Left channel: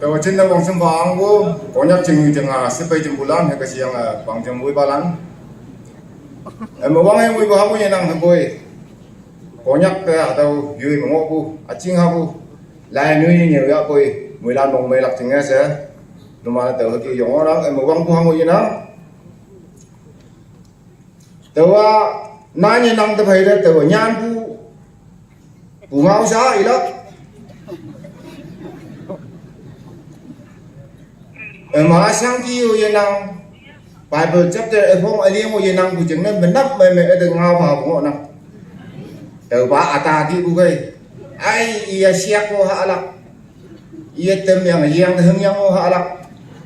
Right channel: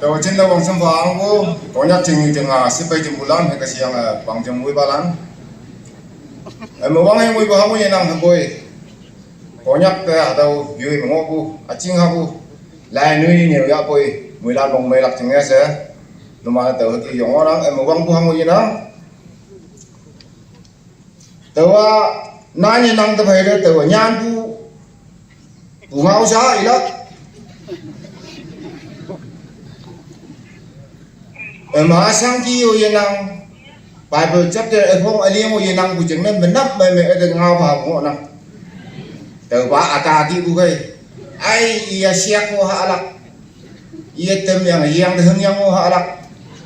Tàu trên đâu bằng sông Phàng vô có nhắc chừng chừng xếp bay chừng bulan hay cái gì bằng chừng mũi ba lăng em mà băng em mũi ba mũi năng thằng bôi có nhắc cái tàu dưới mà ngô bu chinh ha bu lại nuôi nhiều ya bôi mũi lan bằng mày lạc chừng nghe sẽ nó mà tàu cái giống đó em mà băng bu mũi đó tàu nãy năng tàu hay đấy tàu nhàn bu ngao sa ý đó mà sang chi rồi năng bài bơi chấp tới phong ở liên rồi năng của chúng nên mình nắp mày mày đừng ngao vào của nó từ ba ta đi bu cái ai ia siap ko halak ia tem yang heng yang ko halak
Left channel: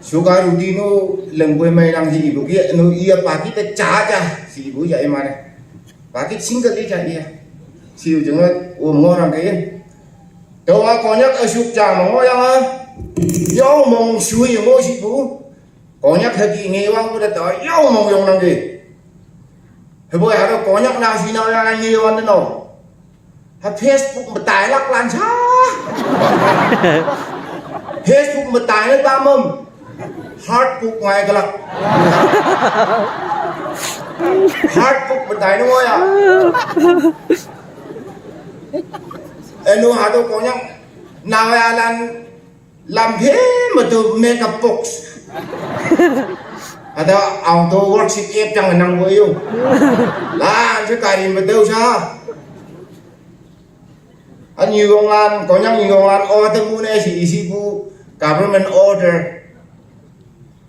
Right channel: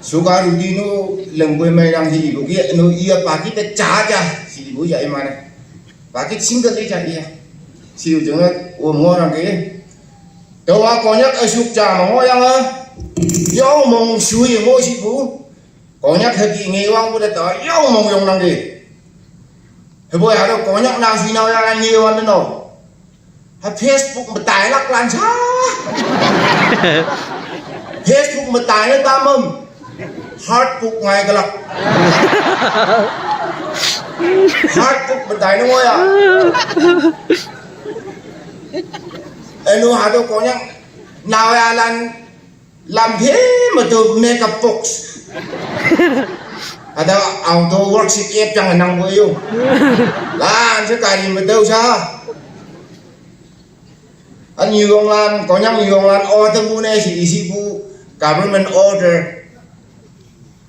suka rudi no lembui mày năng gì bu kia no ia pagi te cha si bu vậy mà này pagi single đi cha ia siêu chúng nó ngon rằng cái đâu có nhất ở sụp trà mà ngon yang á dấu mong suy ngôi sĩ phú có nhắc thời kỳ nghề quan của đất đó dấu mong dùng làm gì thì bây giờ có nhắc nào gì nào là nhiều hơn đâu Facebook mà tải lắc lan xa Facebook mà tải nó ta mâm Hardbook ngay cái lắc Hardbook mà tải nó ngôi à em nó hả tôi có nhắc nào là làm thế mà từ makeup box ada auto worksheet app chẳng năng với yêu là chứ cái gì mà đâu sao anh nhiều ông lan có nhắc nhiều ông lan order bu này chỉ bu government order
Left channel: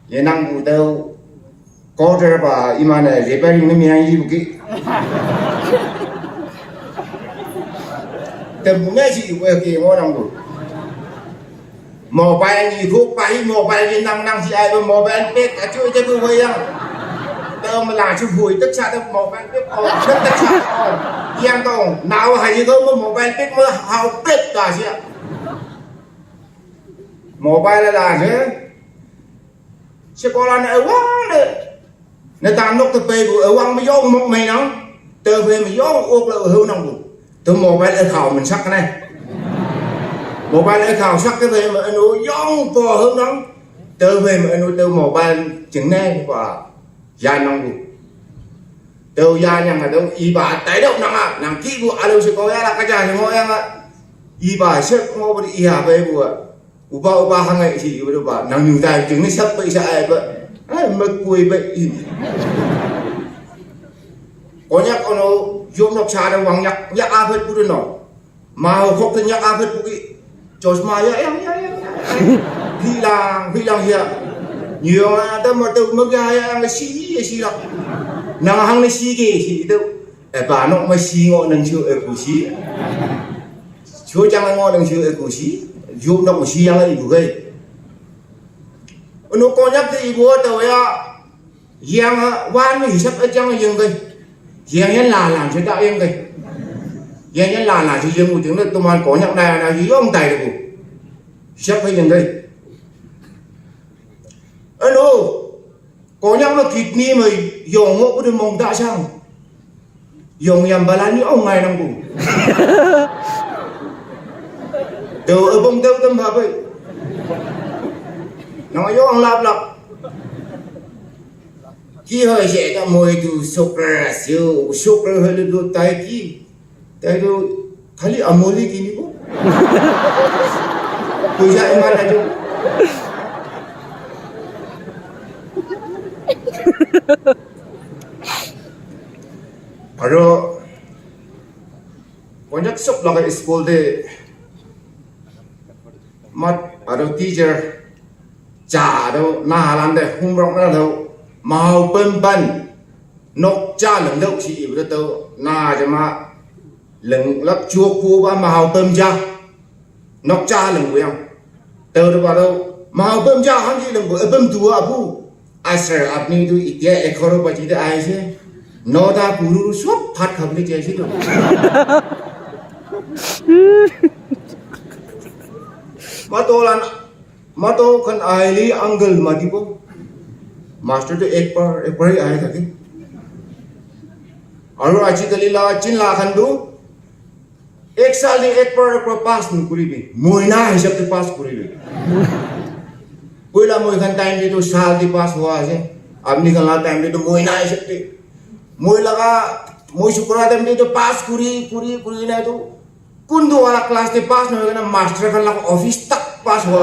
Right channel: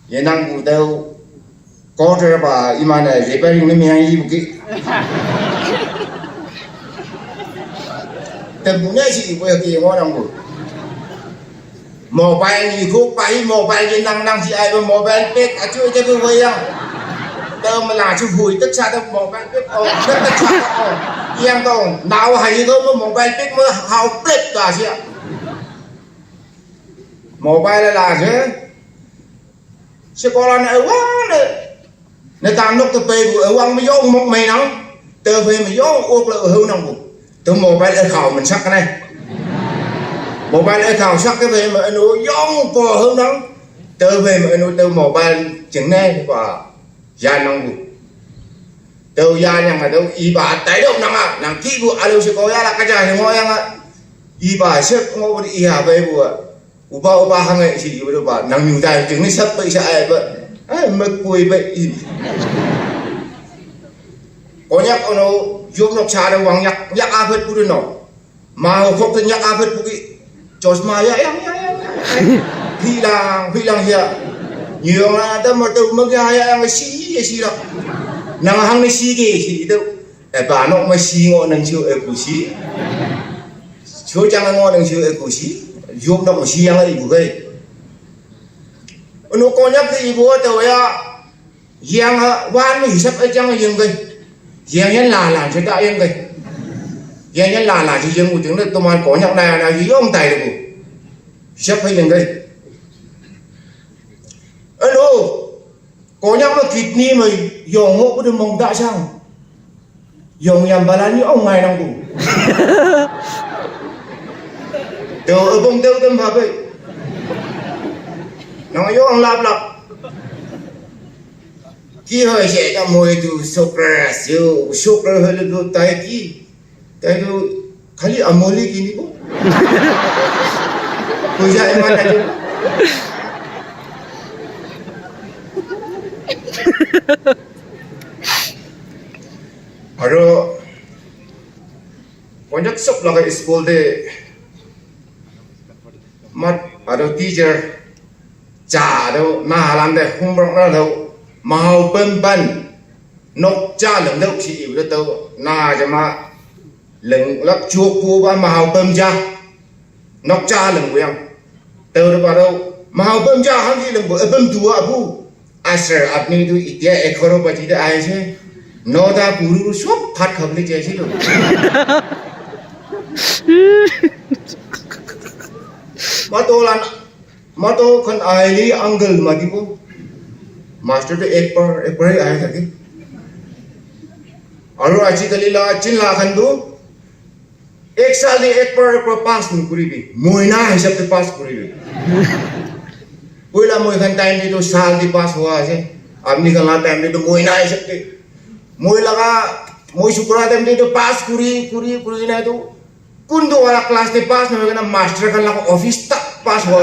vậy năng bu đâu order và iman này repairing nó miếng gì một cái cần bu này chỉ vừa kia ngon năng bu mobile gì thuốc bay mobile gì năng gì ai mà mobile biết à chơi cho tôi vậy à đâu mà là chú hùi tất cả đâu mobile biết tất cả yên đâu nào hay gì thôi mà mobile biết mới hào biết là gì mobile là gì sẽ có là này quá đấy người ta lúc tôi về ở quăng mới vô một mày nó từ về mới vô ôm lại hưu năng bụng từ mobile ở khẩu mình sắc cái này mobile ấy khảo sát cái về mà anh nuôi giống bò hơn đó từ về mà anh nuôi từ mobile chừng này và gia nông bụng từ gia nhà mà đâu y bà tái động nằm à nằm kỹ bùa alo sẽ có là cái trái thì ngồi em ạ y bà xếp ngô đi y hà về bùa uba hàng ngày chỉ bùa bà nằm nhiều tay chừng này sắp tới sẽ vậy mất quỳ vậy có nhắc con nó vô nó trà đâu hoàng nhắc áp hết bùa nó mà họ không thể nhắc áp hết bùa cho mà em khi làm gì nhiều là tâm mà tự mới cái ai xí đâu nào hàng này xí gì đâu để bà nó mới xí ngọn đằng chiều ở củ xí chỗ chẳng ngọn đằng chiều ở củ xí dùng nó củ xí ăn lại bù gây nó có nhắc cái bố tàu ya giang van mới sắp ở trong giang gây giang nhân là chúng ta em gây giang nhân là chỉ riêng một tiếng là tôi mà có nhắc này là gì ông tài được sắp hay lên đây alo có nhắc nó thịt ni mà dầu ngộ có được mong tại sao dầu nhầm bà lá như ông này đang cùng từ ở bông tơ tâm vào vậy nó nói ông lặp khi hơi sẽ cho mồi từ sốt ra hơi được tay kia tay itu kali amoli gini kok. Puja emang aja. Kalau banyak sok laga school de mat ada teacher cha đâu na halan de homework na đâu mau pen nok cha lần đâu chỉ được đâu na cho mà lần lắc chua cua ba màu tôm cha nóc cha lần quen từ đó vào đâu màu tôm cha hắn gì lần bữa tôm tua abu asher apni tu itia ekoro bati da ai chứ nó ta buru suốt phát không đi chơi chứ đâu mà tôi con ai li uncle mà đi cô master tu ekpar ai thaki aru aji kali la chin la khan du এক সালে একবার pass নকরিবি মহিনা হিসাবে pass করিবি পয়লা মই খান time দিতো সাল দি pass হওয়া আছে আপনি খান টাইম দিতো মহিনা হিসাবে মই লাগা মই শুক্রবার টাইম দিতো পাস করি না তো কোন তো ওরা ক্লাস দি পাস না হয় না মাস্টার খান লাগা অফিস তক পাস হওয়া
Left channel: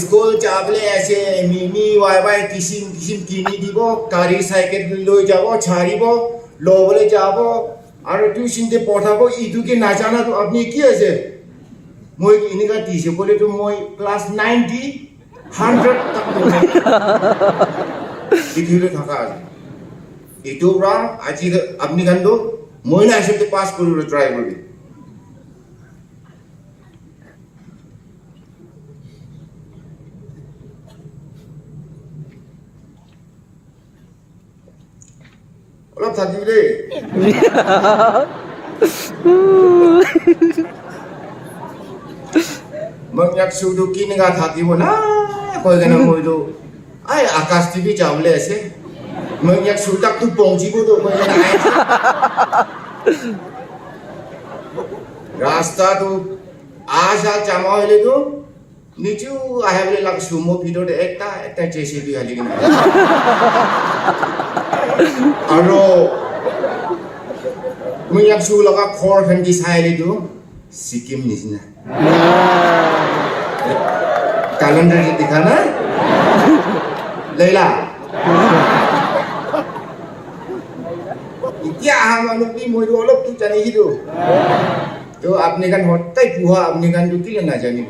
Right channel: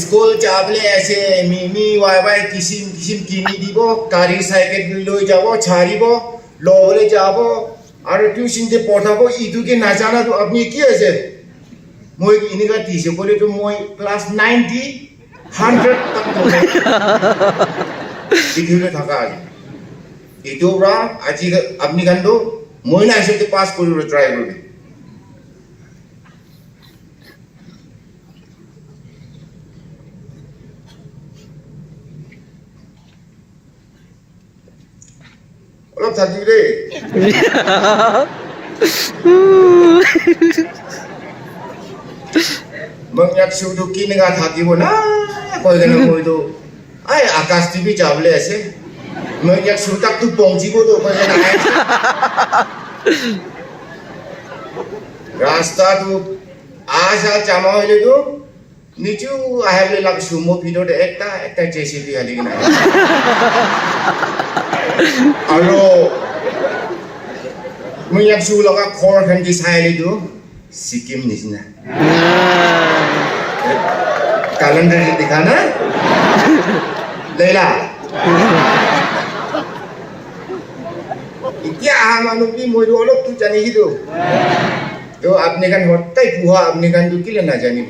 স্কুল যাবলে ऐसे মিমি ওয়াই কিসিম কিনি দিব গাড়ি সাইকেল লৈ যাব ছাড়িব লবলে যাব আর টিউশন তে পড়াবো ইদুকে না জানা তো আপনি কি আছে মই ইনিকা দিছে বলে তো মই ক্লাস 90 100 তক ইদুকে থাকা আছে ইদুরা আজি আপনি গান তো মই না এসে পাস করিব ট্রাই করি অলপ থাকিব দেই মংয়াক সুদুকি নিগা থাকিব না কই কেনে কইতো আই আকাশ টিভি যাবলে আছে মংয়াক সুতাক তু পৌঁছিব তো কই কেনে রাস্তা তো আশা জামা হইলে তো নিচু আহলে লাগ সুমো ভিতরে একটা জেসিবি হালি কিনা আৰু মই ইয়াক চু লগা খৰ খান কি চাই লিদো সিকিম নিচিনা ক্যালেন্ডার দেখা না লেলা এতিয়া আহা মানুহ কি মই অলপ তো জানি কিদো তো আপনি কান হটাই পুহা আপনি কান তো কিলে না জানিব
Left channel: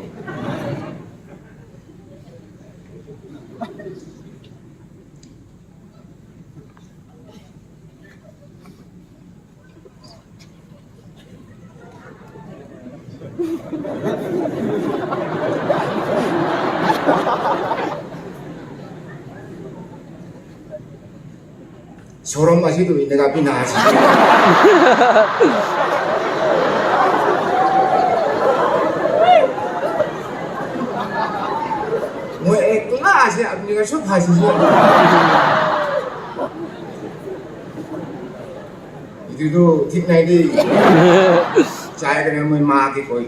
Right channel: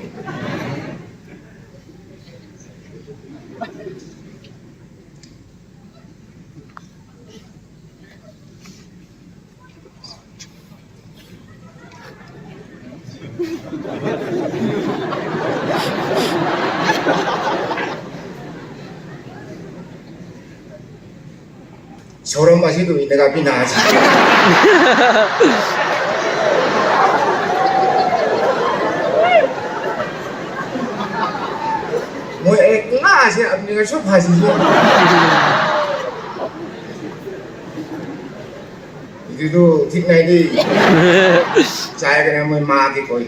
সরম মাসি তো ইনকা বিনা আছে মই একলা আছে আপনি কা সব ফাসি itu ঠিক নাই দি চাই কেনে মই মাকে কই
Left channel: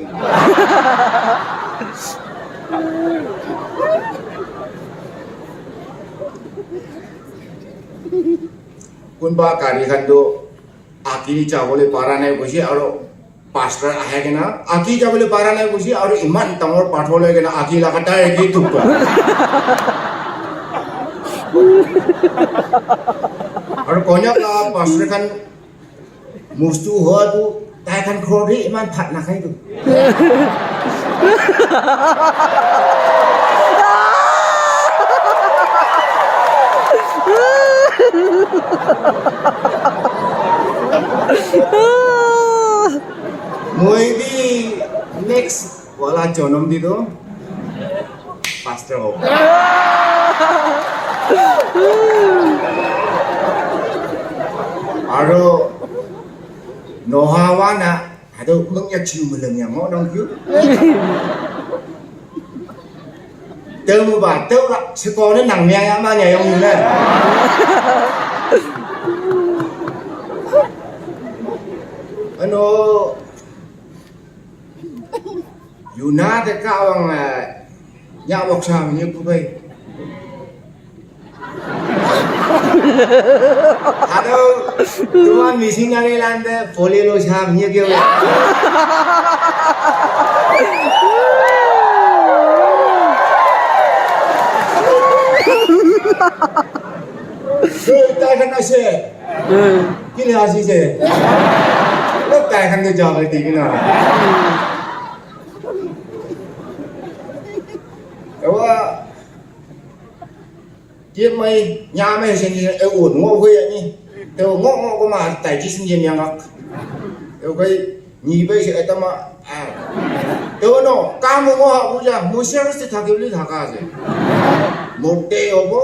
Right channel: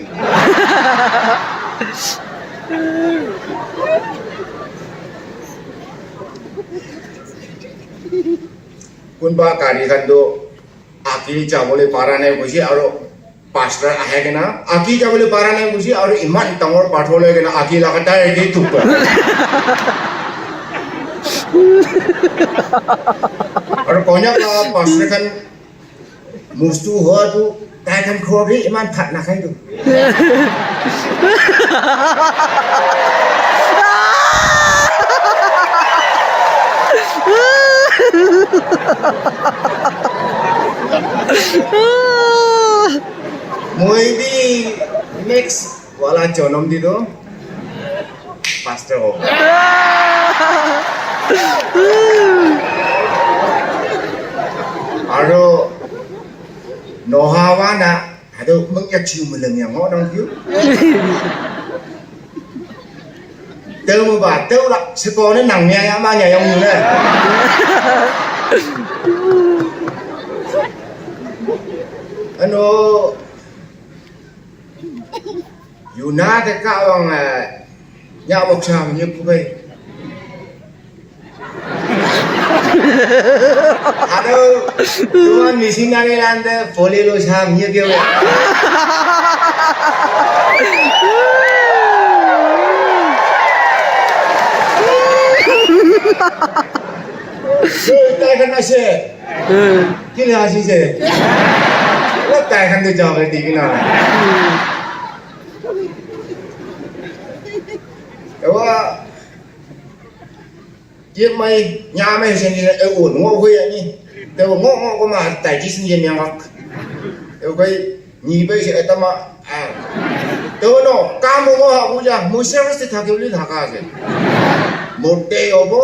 কোনবা গাড়ী খানটো আকি যাবলৈ পাৰা নাই কৈছে আৰু পাঁচটা আহে কিনা আকি যাবলৈ পাৰা নাই কৈছে আৰু ইমান ডাঙৰ পাথৰ লৈ কিনা আকি লাগাতাৰ একেই টুপ আৰু কন্যা পাঁচটা খান মুস্তু হোৱাটো তাই খান ঘৰতে ইমান ভাত নাখায়তো মই দি নেক্সট ওয়ালা জনম দি দো পাঁচটা হোক আৰু nohawa na hado mengya cium meleng yang ngodong kiu teu mo ba teu la seko ni nang nya ya ma nya yang ni na ano yuna de ka ong nya bok sa ni ku kai Aduh, cuma missing dari landa follow lo sahamnya kyo. Kita kan masih, kini hasil se. Lo tak kan tu jawab di kena. Awak Dia mai nyame sen ni ổn ngô huy ni te ngô ko ma tai ji sin yen yang e ko ni bai se ta ma te no ka mo mo ha bu ja mo service te thake boli thaka ase mote hobo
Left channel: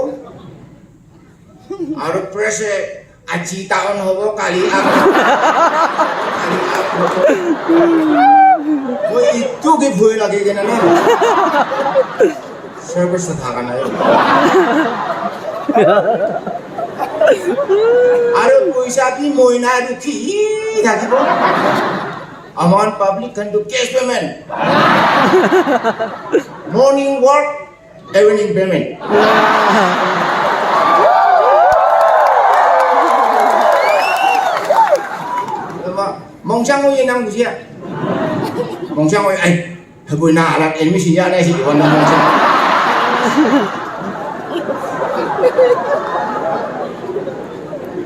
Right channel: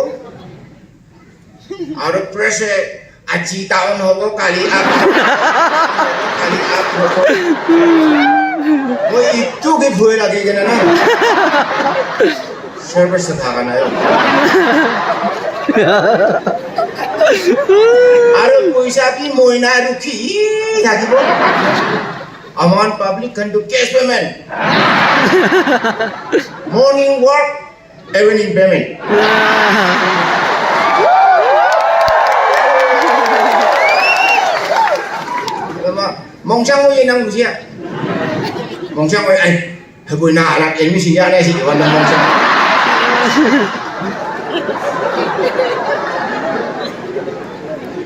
ar pressure aji taon hobo kali a ko itu ke bhoi lage kena na service te thaka na Ada puisa pi moina ruki lagi bo. Aman public can do cash payment. Morning work, evening payment. Mong sang mo yun ang siya. Mong sang mo yun, ay, haboy na alam, elmi siya na siya, wala mong sang.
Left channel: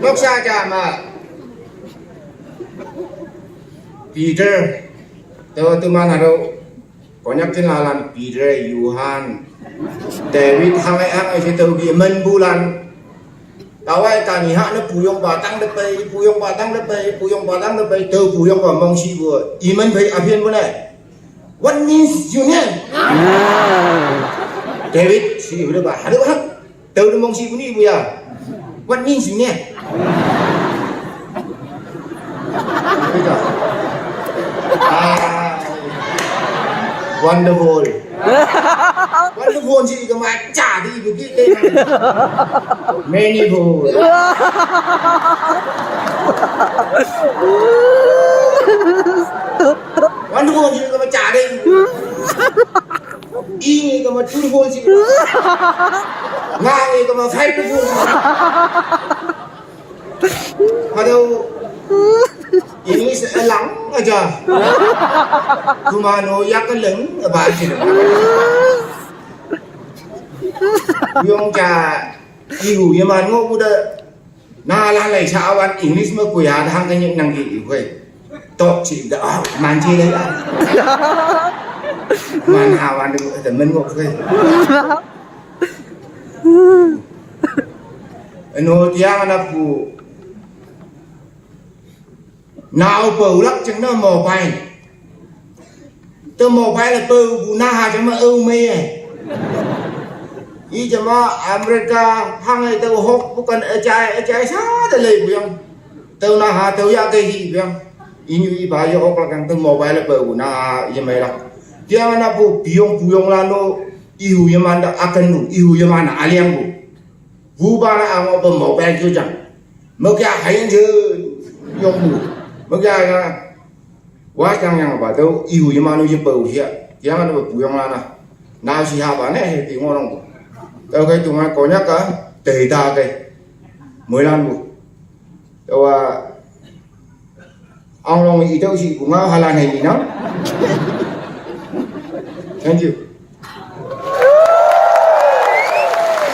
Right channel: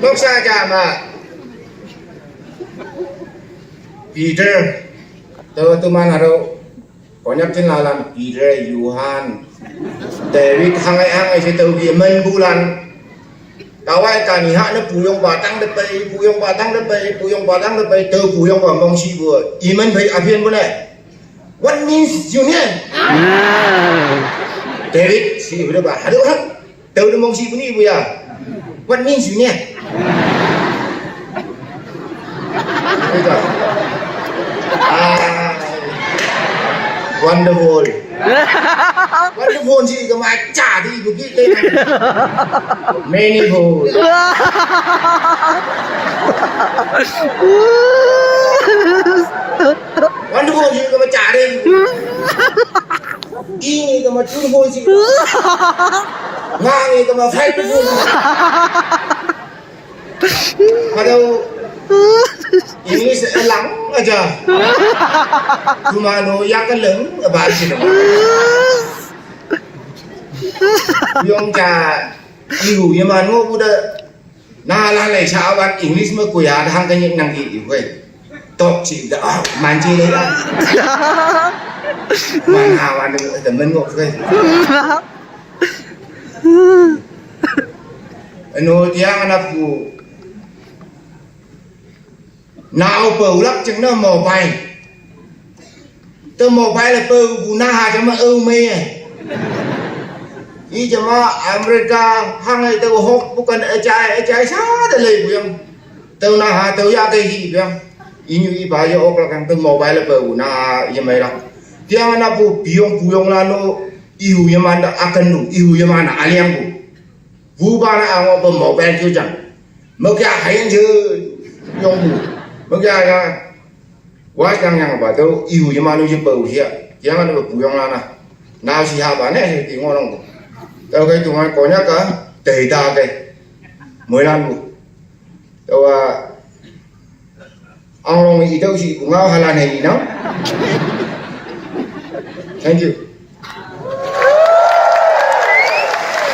Lúc xa chạm à, Peter, tôi mang ở đâu, có nhắc trên là làm Peter, Johan, David, hàng ai sẽ từ vì mình bu lan. Tao ai cả nhị hạ nó phù用把tăng đất bay, phù用把tăng đất bay, phù用把tăng đất bay, từ phù用把mong si vừa, ý mình phải áp hiện này. What means union? David, si vừa bà, đâu hết, từ nó mong si vừa đi vừa. What means union? Wonderful. Wonderful gì cơ mà chả đi được cái tên này. Meaningful. Wonderful gì cơ mà chả đi. Y gì cơ mà truthful gì. Ngang gì cơ mà faithful. Mà đâu ini seelang aja. Kumano yang keleng bahasa. Yung cha ibu yang mana udah nalar lagi cawan English mah kuya hang kan yang nang itu kue. Top sih dah manci lagi. Mana awan tu temen kok kue. Anu tiang anakku. Nào bầu lắm chẳng nó mò bay. Tôi mò bay là bầu bù na hà chẳng mà ưu mê này. Ý chẳng mà America hăng này tôi hốt bố cần ở trái xa tôi lấy bù không. Tôi na hà tôi ra cây gì bù không. Ý như ý bà vô ốc là tôi mò bay là bầu bù na hà ý mê đó. Dia mana bù biyong là nó ihu yang mana akan lu ihu yang mana aliang bù. Bù bà na ang bù mò bay kêu chẳng. Mà kia hay chứ yong bù. Bagaimana? Wah yang baru ibu yang mana je bau dia, yang mana buyong lana. Nào siapa ni? Tengok orang tu. Kalau kau tengok konya ka, terita ke, mulan bu. Tahu orang itu si bunga halan ini, no? Thank you.